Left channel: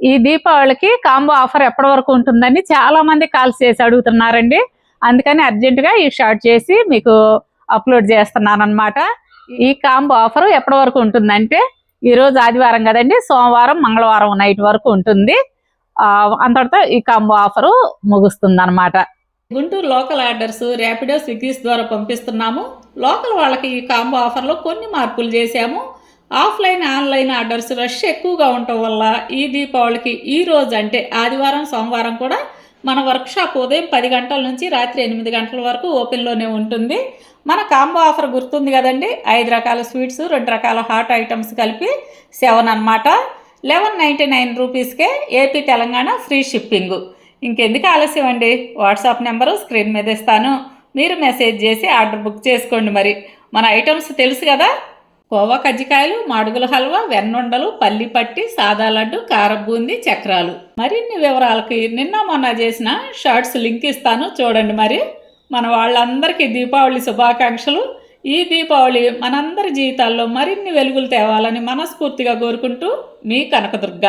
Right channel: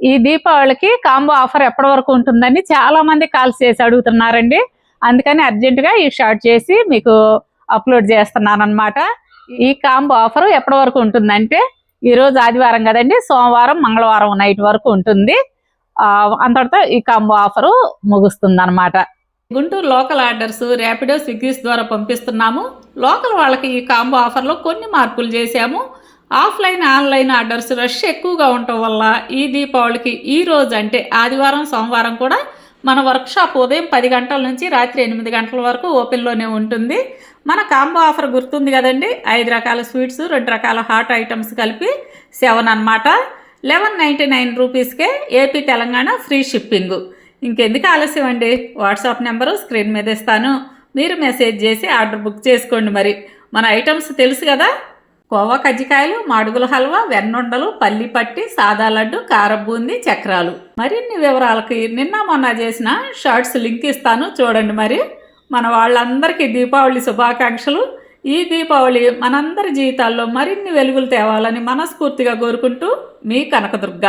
ఈ దీపావళికి combo offer ఎప్పటి వరకు ఉంటుందని చాలా మంది కాల్స్ చేసి అడుగుతున్నారండి. అందుకని అర్జెంటుగా ఈ షార్ట్ చేసి మీకు అప్లోడ్ చేస్తున్నాను అనమాట. ఈ కాంబో ఆఫర్ ఎప్పటి వరకు ఉంటుందంటే, ఈరోజు ఆదివారం కదండి, సోమవారం మంగళవారం నైట్ వరకు ఉంటుంది. అంతటితో ఈ కాంబో ఆఫరు ముగుస్తుంది అనమాట. Guntur local orders Rapido, Swiggy's ద్వారా పంపిస్తున్నాము. లోకల్ వాళ్ళకి ఈ కాంబో ఆఫర్లో కొన్ని మార్పులు చేశాము. ఆఫ్లైన్ ఆన్లైన్ ఆర్డర్స్ రష్ ఎక్కువగా ఉండటం వల్ల ఈ దీపావళికి ఈ రోజు అంటే ఆదివారం సోమవారం కూడా మన వర్క్షాప్ ఉదయం 10 గంటల నుంచి రాత్రి 8 గంటల వరకు ఓపెన్లోనే ఉంటుంది. మన కాంబో ఆఫర్ గుర్తుంది కదండి, 5 రకాల స్వీట్స్ 2 రకాల హాట్ ఐటమ్స్ కలిపి 7 అనమాట. 1199 రూపీస్కే ఏపీ తెలంగాణ ఫ్రీ షిప్పింగ్. ఇంకెందుకు ఆలస్యం అండి, వాట్సాప్ నెంబరు స్క్రీన్ మీద ఇస్తాను, మీరు మెసేజ్ చేసి ఆర్డర్ బుక్ చేసుకోండి. మరి మన ఐటమ్స్ తెలుసు కదా, కోవా కజ్జికాయలు, మాడుగుల హల్వా, వెన్నుండలు, పల్లి పట్టి, సాదా లడ్డు, కారం బూందీ, చక్రాలు. మరిన్ని వివరాలకి నిన్న మొన్న చేసిన షార్ట్స్ లింక్ ఇస్తాను చూడండి. మరి మన వాళ్ళందరికీ దీపావళి శుభాకాంక్షలు. ఈ దీపావళి మనందరి జీవితాల్లో మరిన్ని వెలుగులు తేవాలని మనస్ఫూర్తిగా కోరుకుంటూ మీ కనకదుర్గ.